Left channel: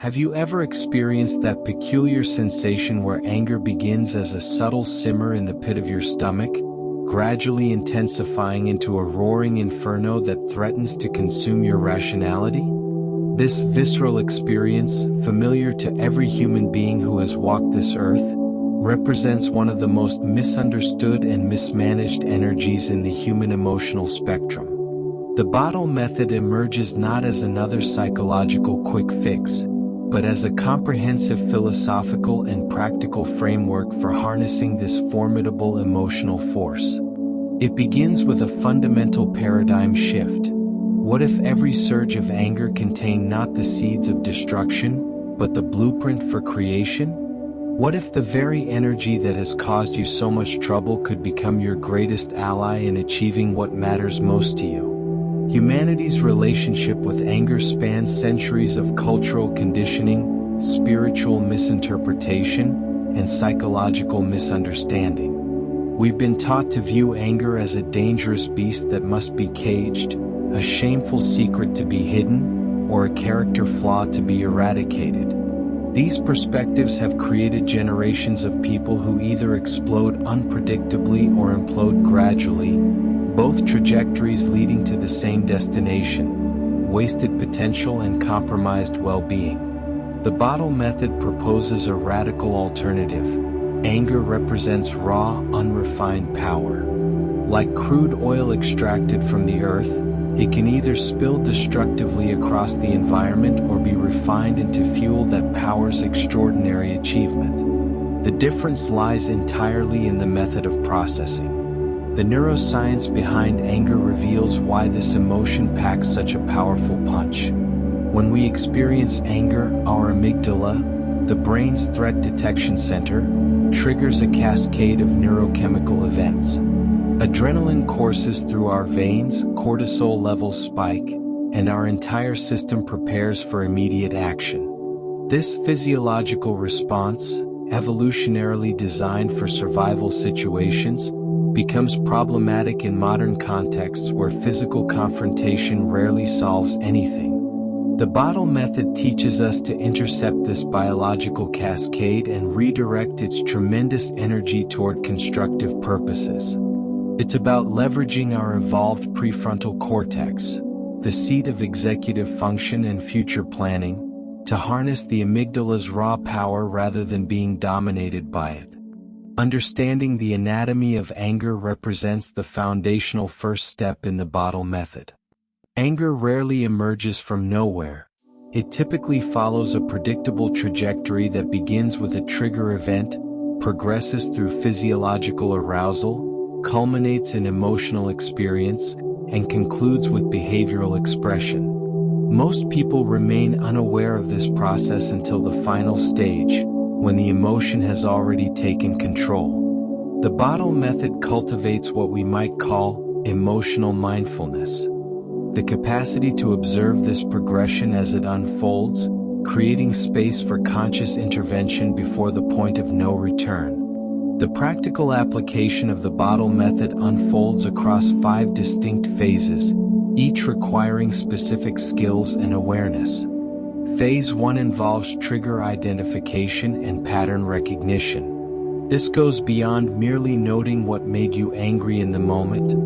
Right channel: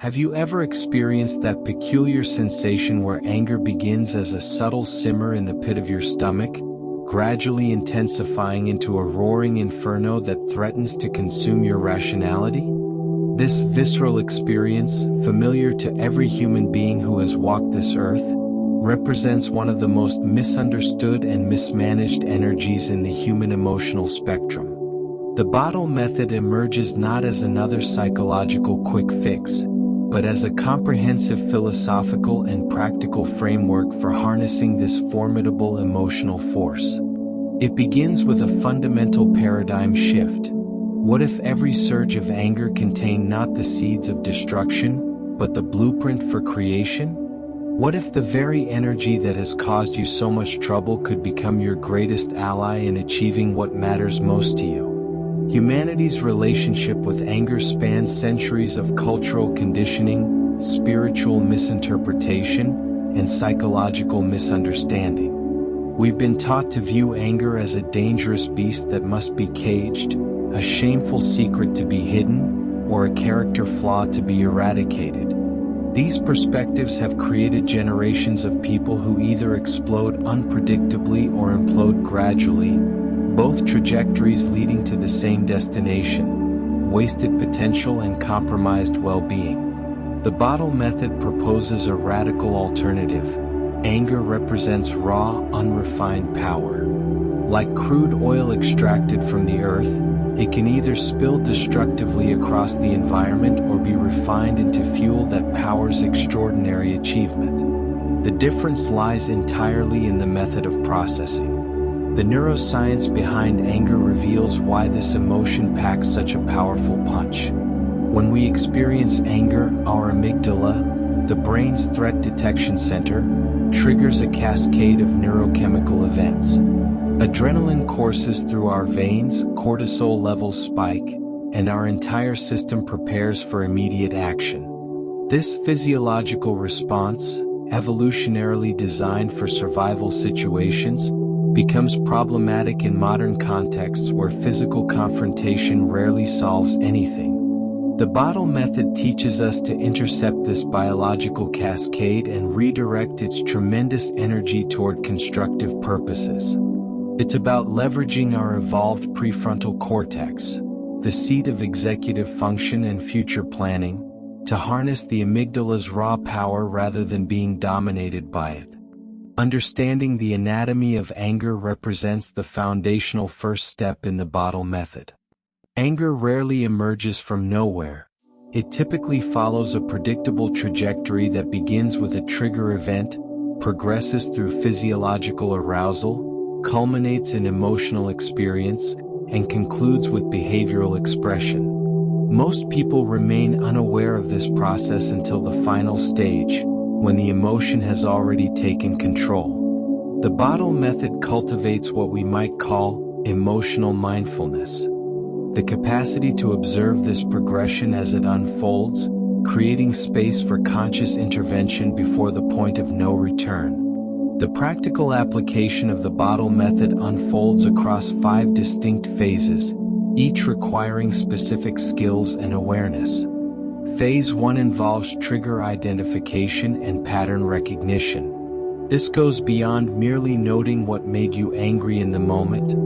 Have you ever experienced that peculiar sensation where anger begins as a subtle simmer in the pit of your stomach, gradually intensifying into a roaring inferno that threatens to consume your rationality? This visceral experience, familiar to every human being who has walked this earth, represents one of the most misunderstood and mismanaged energies in the human emotional spectrum. The bottle method emerges not as another psychological quick fix, but as a comprehensive philosophical and practical framework for harnessing this formidable emotional force. It begins with a fundamental paradigm shift. What if every surge of anger contained not the seeds of destruction, but the blueprint for creation? What if the very energy that has caused you so much trouble could become your greatest ally in achieving what matters most to you? Humanity's relationship with anger spans centuries of cultural conditioning, spiritual misinterpretation, and psychological misunderstanding. We've been taught to view anger as a dangerous beast that must be caged, a shameful secret to be hidden, or a character flaw to be eradicated. These perspectives have created generations of people who either explode unpredictably or implode gradually, both trajectories leading to the same destination: wasted potential and compromised well-being. The bottle method proposes a radical alternative. Anger represents raw, unrefined power. Like crude oil extracted from the earth, it can either spill destructively across the environment or be refined into fuel that powers extraordinary achievement. The difference lies entirely in the method of processing. The neuroscience behind anger reveals why this emotion packs such a powerful punch. When we experience anger, our amygdala, the brain's threat detection center, triggers a cascade of neurochemical events. Adrenaline courses through our veins, cortisol levels spike, and our entire system prepares for immediate action. This physiological response, evolutionarily designed for survival situations, becomes problematic in modern contexts where physical confrontation rarely solves anything. The bottle method teaches us to intercept this biological cascade and redirect its tremendous energy toward constructive purposes. It's about leveraging our evolved prefrontal cortex, the seat of executive function and future planning, to harness the amygdala's raw power rather than being dominated by it. Understanding the anatomy of anger represents the foundational first step in the bottle method. Anger rarely emerges from nowhere. It typically follows a predictable trajectory that begins with a trigger event, progresses through physiological arousal, culminates in emotional experience, and concludes with behavioral expression. Most people remain unaware of this process until the final stage, when the emotion has already taken control. The bottle method cultivates what we might call emotional mindfulness. The capacity to observe this progression as it unfolds, creating space for conscious intervention before the point of no return. The practical application of the bottle method unfolds across 5 distinct phases, each requiring specific skills and awareness. Phase 1 involves trigger identification and pattern recognition. This goes beyond merely noting what made you angry in the moment.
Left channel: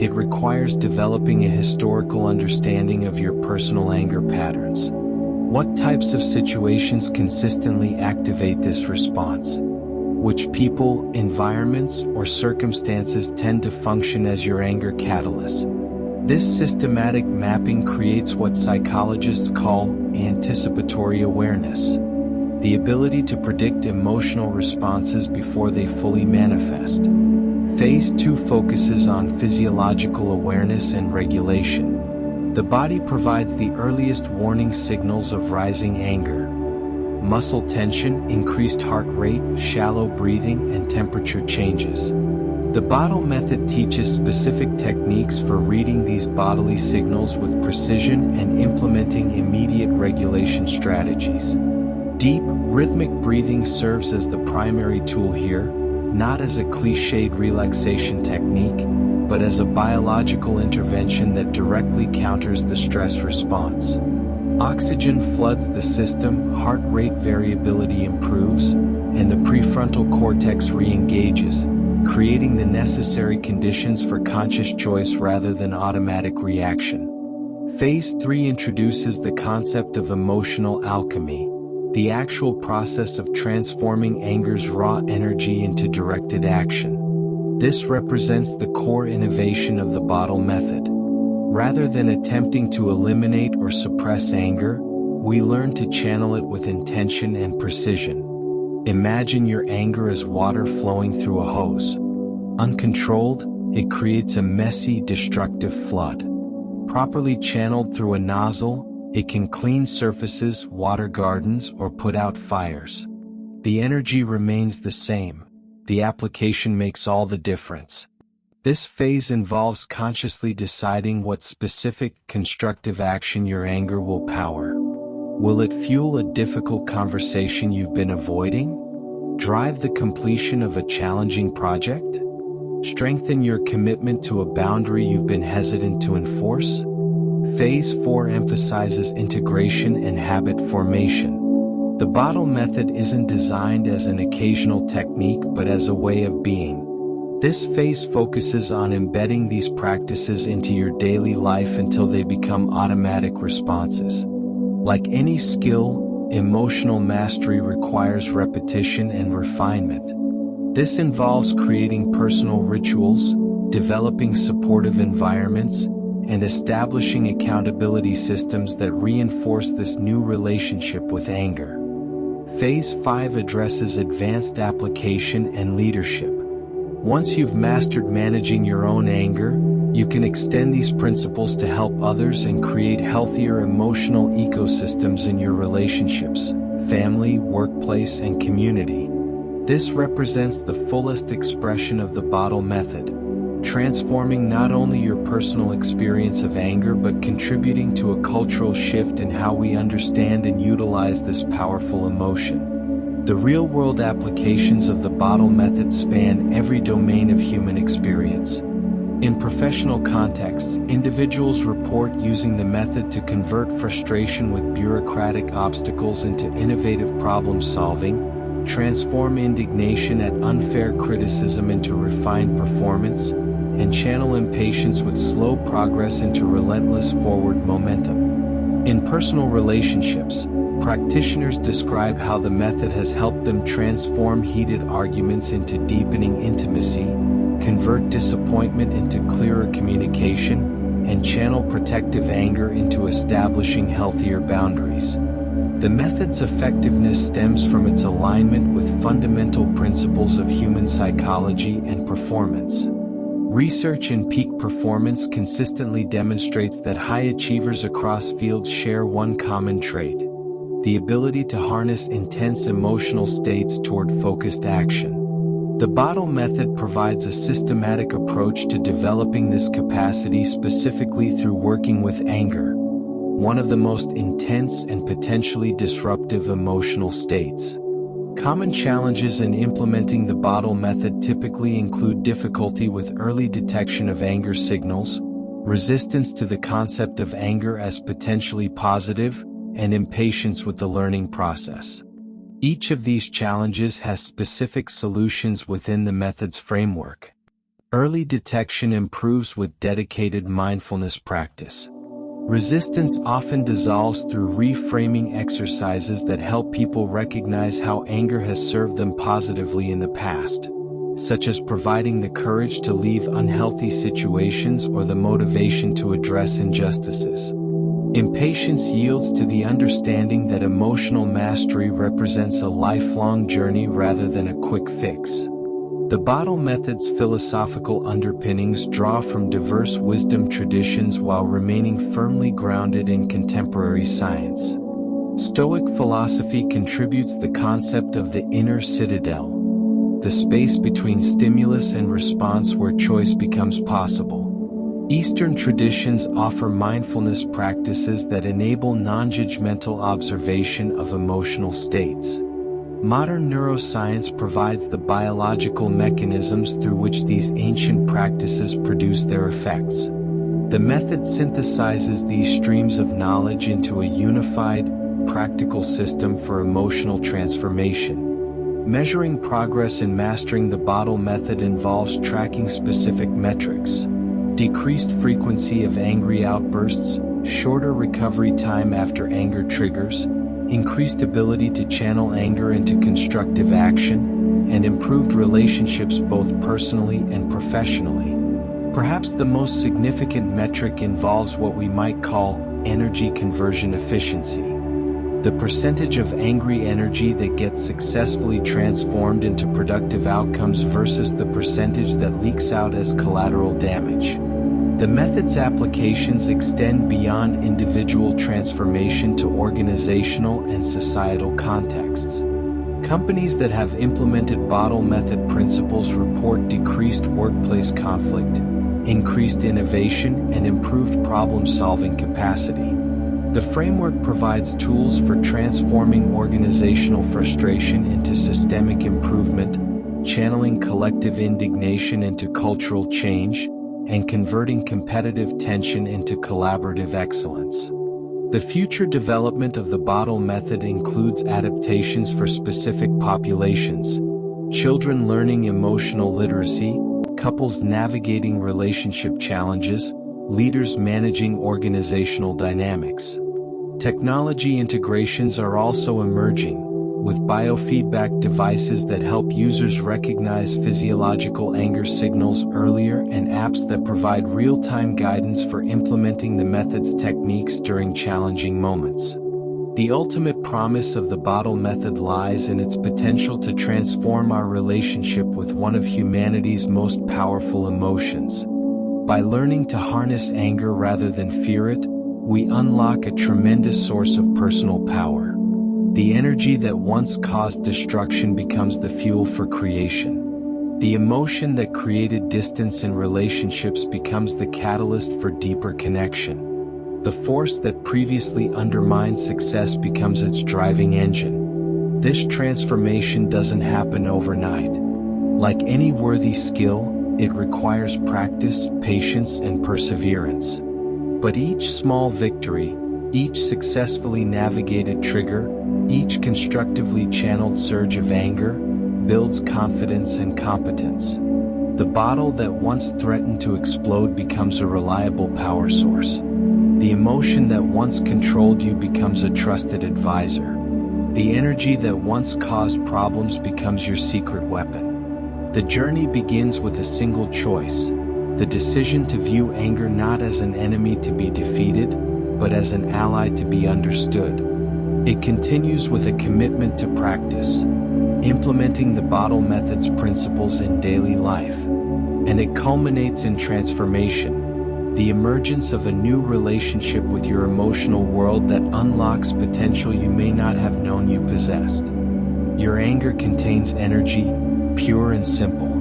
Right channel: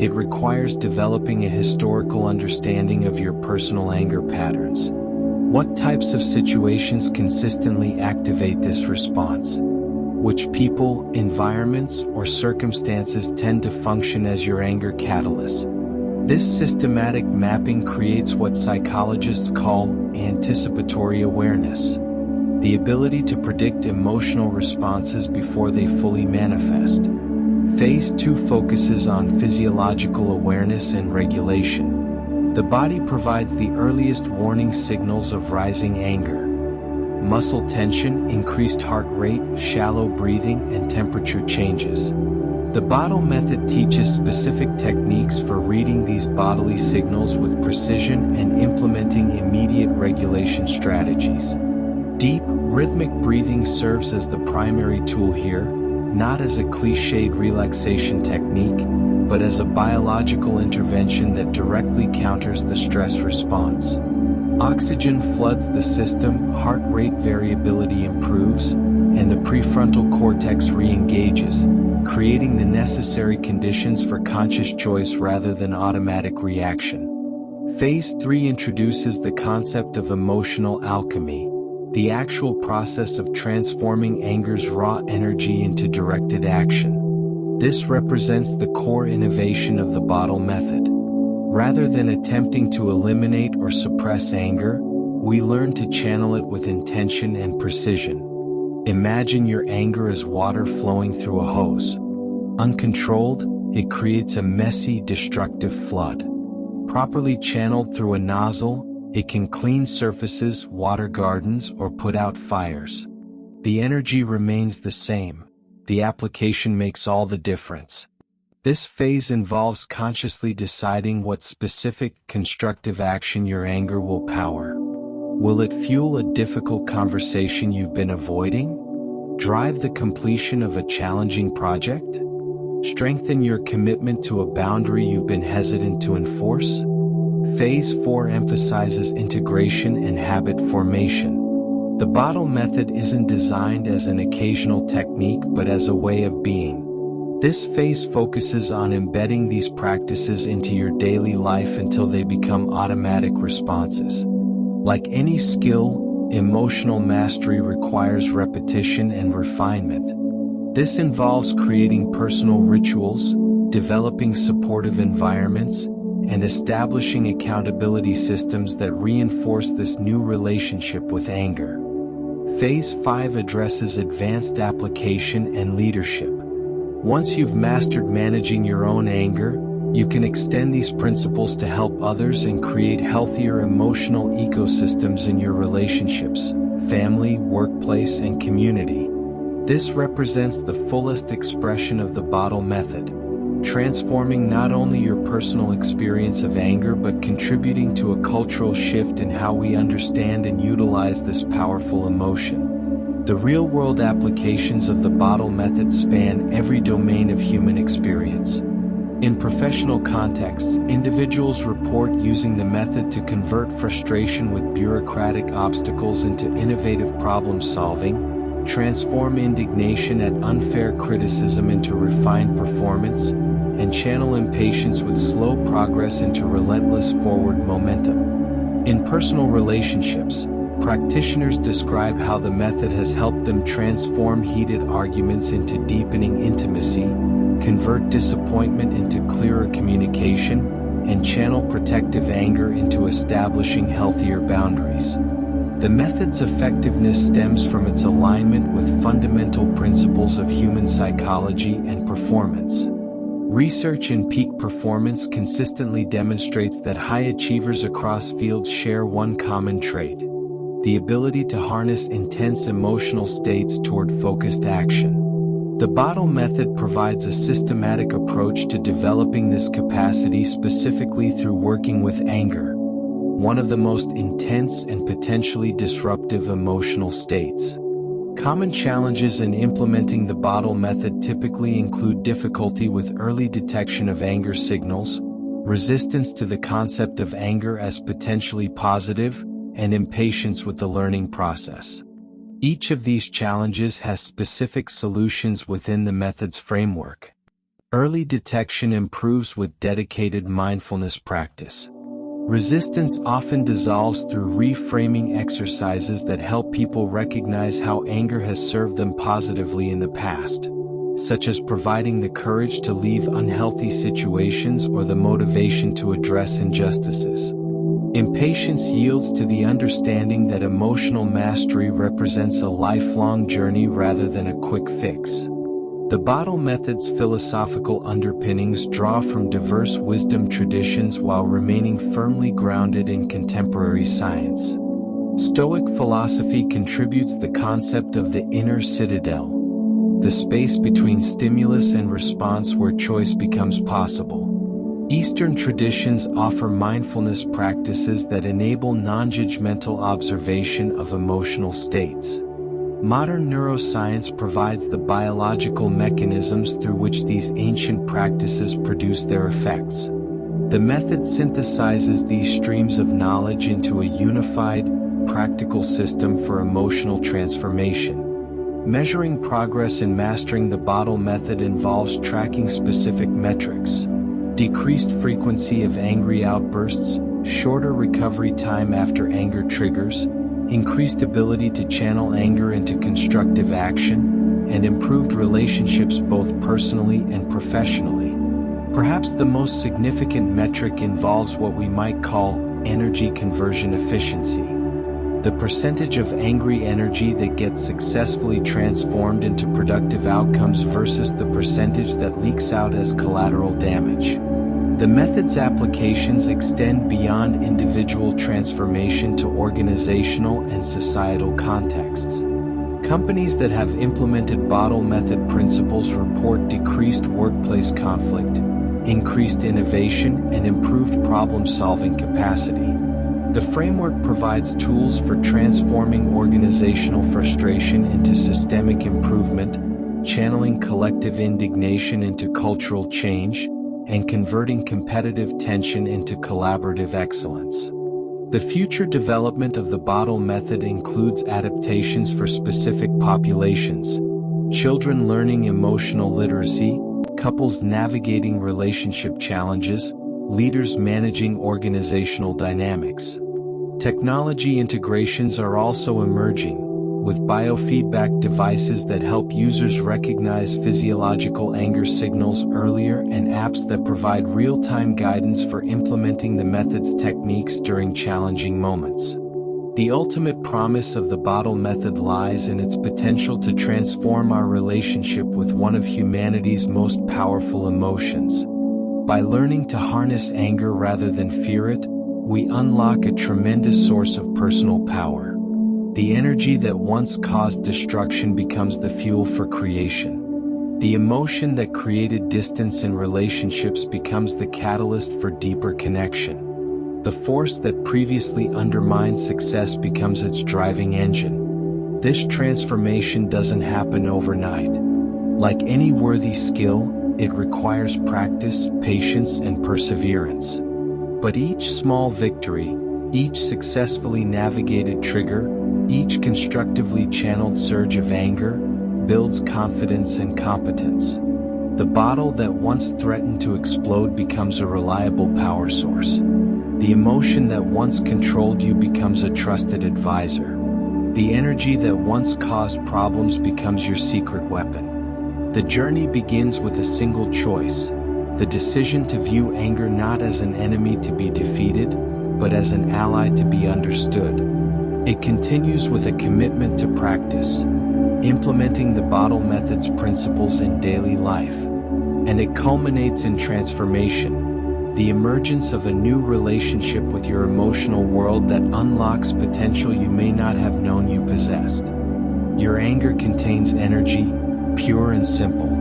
It requires developing a historical understanding of your personal anger patterns. What types of situations consistently activate this response? Which people, environments, or circumstances tend to function as your anger catalyst? This systematic mapping creates what psychologists call anticipatory awareness, the ability to predict emotional responses before they fully manifest. Phase 2 focuses on physiological awareness and regulation. The body provides the earliest warning signals of rising anger. Muscle tension, increased heart rate, shallow breathing, and temperature changes. The bottle method teaches specific techniques for reading these bodily signals with precision and implementing immediate regulation strategies. Deep, rhythmic breathing serves as the primary tool here, not as a cliched relaxation technique, but as a biological intervention that directly counters the stress response. Oxygen floods the system, heart rate variability improves, and the prefrontal cortex re-engages, creating the necessary conditions for conscious choice rather than automatic reaction. Phase 3 introduces the concept of emotional alchemy, the actual process of transforming anger's raw energy into directed action. This represents the core innovation of the bottle method. Rather than attempting to eliminate or suppress anger, we learn to channel it with intention and precision. Imagine your anger as water flowing through a hose. Uncontrolled, it creates a messy, destructive flood. Properly channeled through a nozzle, it can clean surfaces, water gardens, or put out fires. The energy remains the same. The application makes all the difference. This phase involves consciously deciding what specific, constructive action your anger will power. Will it fuel a difficult conversation you've been avoiding? Drive the completion of a challenging project? Strengthen your commitment to a boundary you've been hesitant to enforce? Phase 4 emphasizes integration and habit formation. The bottle method isn't designed as an occasional technique but as a way of being. This phase focuses on embedding these practices into your daily life until they become automatic responses. Like any skill, emotional mastery requires repetition and refinement. This involves creating personal rituals, developing supportive environments, and establishing accountability systems that reinforce this new relationship with anger. Phase 5 addresses advanced application and leadership. Once you've mastered managing your own anger, you can extend these principles to help others and create healthier emotional ecosystems in your relationships, family, workplace, and community. This represents the fullest expression of the bottle method, transforming not only your personal experience of anger but contributing to a cultural shift in how we understand and utilize this powerful emotion. The real-world applications of the bottle method span every domain of human experience. In professional contexts, individuals report using the method to convert frustration with bureaucratic obstacles into innovative problem-solving, transform indignation at unfair criticism into refined performance, and channel impatience with slow progress into relentless forward momentum. In personal relationships, practitioners describe how the method has helped them transform heated arguments into deepening intimacy, convert disappointment into clearer communication, and channel protective anger into establishing healthier boundaries. The method's effectiveness stems from its alignment with fundamental principles of human psychology and performance. Research in peak performance consistently demonstrates that high achievers across fields share one common trait: the ability to harness intense emotional states toward focused action. The bottle method provides a systematic approach to developing this capacity specifically through working with anger, one of the most intense and potentially disruptive emotional states. Common challenges in implementing the bottle method typically include difficulty with early detection of anger signals, resistance to the concept of anger as potentially positive, and impatience with the learning process. Each of these challenges has specific solutions within the method's framework. Early detection improves with dedicated mindfulness practice. Resistance often dissolves through reframing exercises that help people recognize how anger has served them positively in the past, such as providing the courage to leave unhealthy situations or the motivation to address injustices. Impatience yields to the understanding that emotional mastery represents a lifelong journey rather than a quick fix. The bottle method's philosophical underpinnings draw from diverse wisdom traditions while remaining firmly grounded in contemporary science. Stoic philosophy contributes the concept of the inner citadel, the space between stimulus and response where choice becomes possible. Eastern traditions offer mindfulness practices that enable non-judgmental observation of emotional states. Modern neuroscience provides the biological mechanisms through which these ancient practices produce their effects. The method synthesizes these streams of knowledge into a unified, practical system for emotional transformation. Measuring progress in mastering the bottle method involves tracking specific metrics: decreased frequency of angry outbursts, shorter recovery time after anger triggers, increased ability to channel anger into constructive action, and improved relationships both personally and professionally. Perhaps the most significant metric involves what we might call energy conversion efficiency. The percentage of angry energy that gets successfully transformed into productive outcomes versus the percentage that leaks out as collateral damage. The method's applications extend beyond individual transformation to organizational and societal contexts. Companies that have implemented bottle method principles report decreased workplace conflict, increased innovation, and improved problem-solving capacity. The framework provides tools for transforming organizational frustration into systemic improvement, channeling collective indignation into cultural change, and converting competitive tension into collaborative excellence. The future development of the bottle method includes adaptations for specific populations: children learning emotional literacy, couples navigating relationship challenges, leaders managing organizational dynamics. Technology integrations are also emerging, with biofeedback devices that help users recognize physiological anger signals earlier and apps that provide real-time guidance for implementing the method's techniques during challenging moments. The ultimate promise of the bottle method lies in its potential to transform our relationship with one of humanity's most powerful emotions. By learning to harness anger rather than fear it, we unlock a tremendous source of personal power. The energy that once caused destruction becomes the fuel for creation. The emotion that created distance in relationships becomes the catalyst for deeper connection. The force that previously undermined success becomes its driving engine. This transformation doesn't happen overnight. Like any worthy skill, it requires practice, patience, and perseverance. But each small victory, each successfully navigated trigger, each constructively channeled surge of anger, builds confidence and competence. The bottle that once threatened to explode becomes a reliable power source. The emotion that once controlled you becomes a trusted advisor. The energy that once caused problems becomes your secret weapon. The journey begins with a single choice: the decision to view anger not as an enemy to be defeated, but as an ally to be understood. It continues with a commitment to practice, implementing the bottle method's principles in daily life. And it culminates in transformation, the emergence of a new relationship with your emotional world that unlocks potential you may not have known you possessed. Your anger contains energy, pure and simple.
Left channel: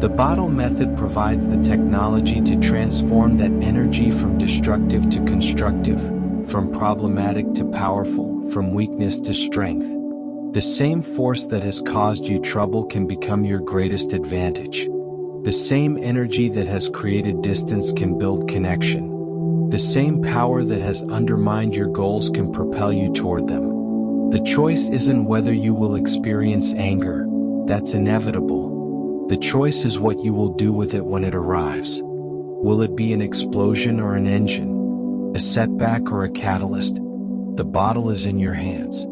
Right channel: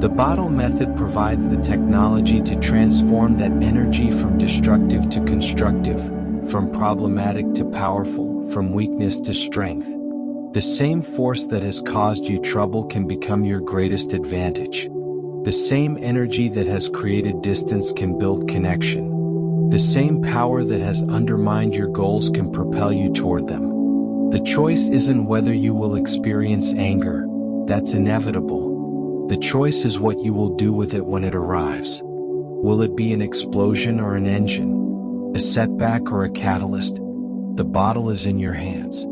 The bottle method provides the technology to transform that energy from destructive to constructive, from problematic to powerful, from weakness to strength. The same force that has caused you trouble can become your greatest advantage. The same energy that has created distance can build connection. The same power that has undermined your goals can propel you toward them. The choice isn't whether you will experience anger. That's inevitable. The choice is what you will do with it when it arrives. Will it be an explosion or an engine? A setback or a catalyst? The bottle is in your hands.